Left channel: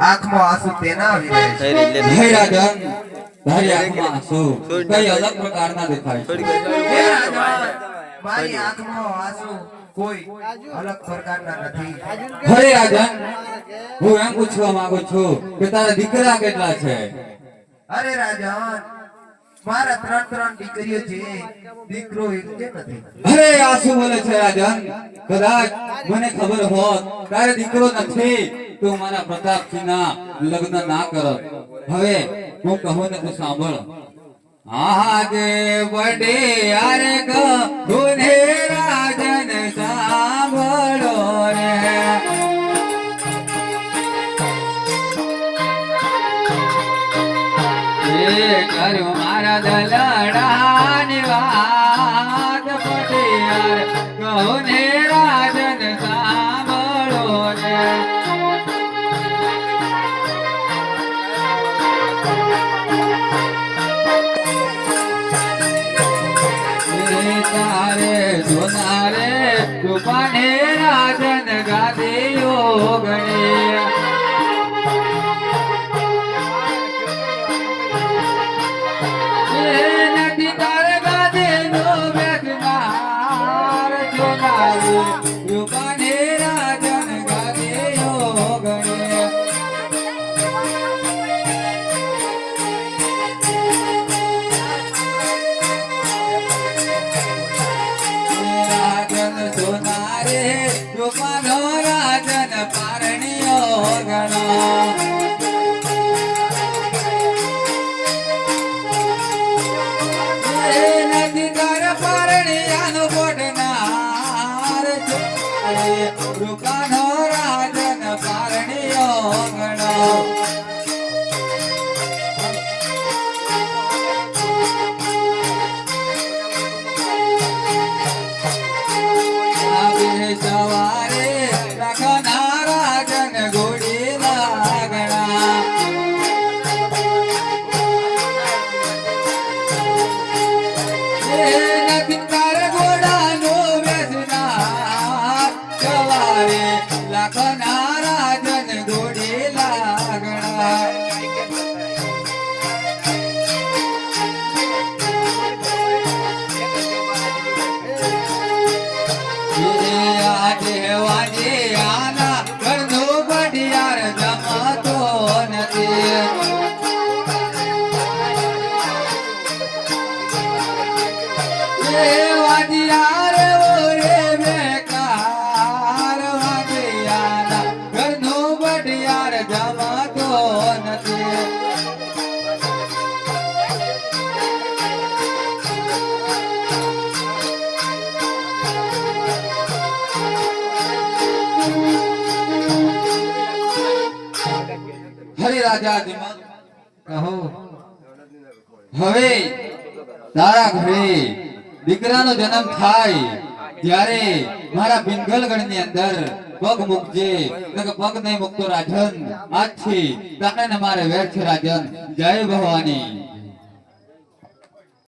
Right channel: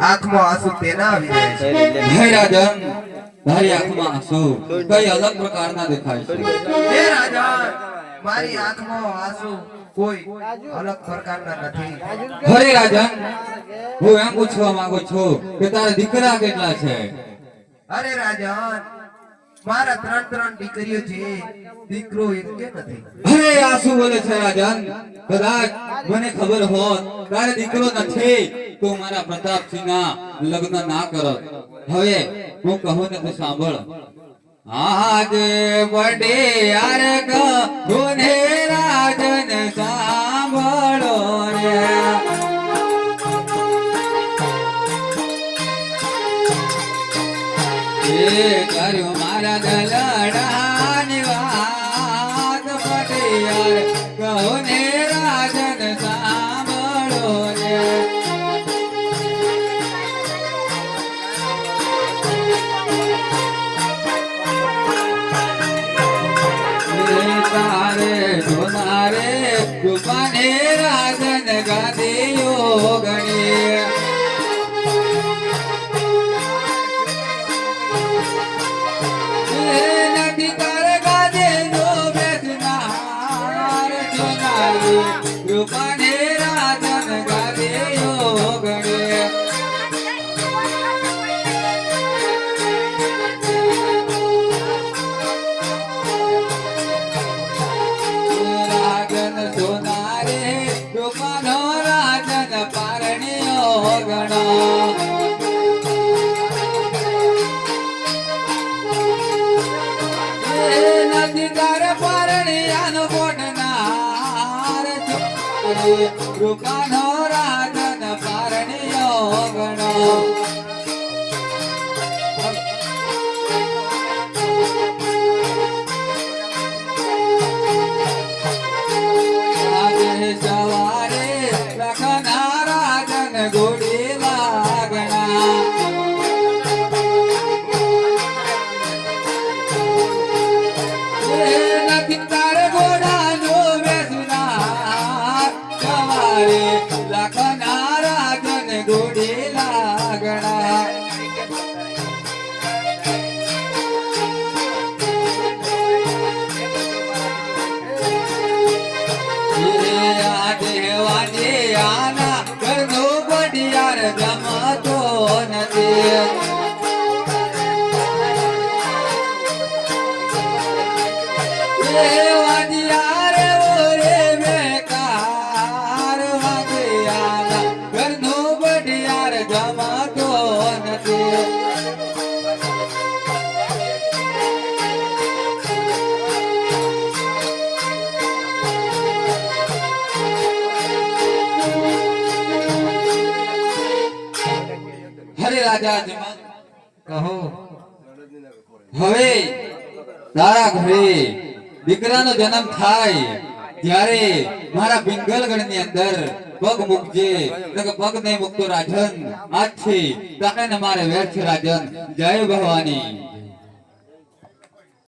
આંખમાં આંસુ તેના આવી રહ્યા છે હે રાજન તારી આંખમાં આંસુ કઈ અલગ પ્રકારના દેખાય છે હે રાજન મારી આંખમાં આંસુ કોઈ અલગ પ્રકારના નથી હરે રાજન હું એમ પૂછવા માંગુ છું કે તારા દીકરા કેટલા છે અરે રાજન મારા ત્રણ દીકરીઓ છે દીકરો એક કે નથી અરે આ શું બોલે છે રાજન કદાચ મને ખબર હોત તારે દીકરો નથી તો મારા પ્રતાપસિંહના લગ્ન ના કરત હવે હું કહું ને તું સાંભળ આજે બડે યાર કહું ને રાજન સાંભળો રે કર્યો મારા દલડાની વાત પટિયાર કહો ને રાજન સાંભળો ને તારે જોનારે કૃપાને રાજન ગાદીઓ ગણી રૂપાને રાજન ગાદે યોગણે રાજન સોનારે રૂપાનો રાજન પારણીયો ગણો નથી તાર પારણીયાનો રૂપાનો રાજન પારણીયો ગણો સવારે રાખના રાજન ગોડી લાગણા નથી તાર ઘોડાનો બેસના લાખના રાજન ગોડી લાગણા દેવાની આના ઘરનો બડિયાર જમતો નથી વાડિયાર ઓરે બેકાર વાડિયાર ઘરનો બડિયાર જમતો નથી હરે રાજા કહો હવે તારા ઘરે દીકરાનો જન્મ થાય ત્યારે મારા પિંગલગઢ ની અંદર પગ મૂકજે પગ નહીં મૂકતો રાજન આજથી તારે મારે વેર છે રાજન જય ભવાની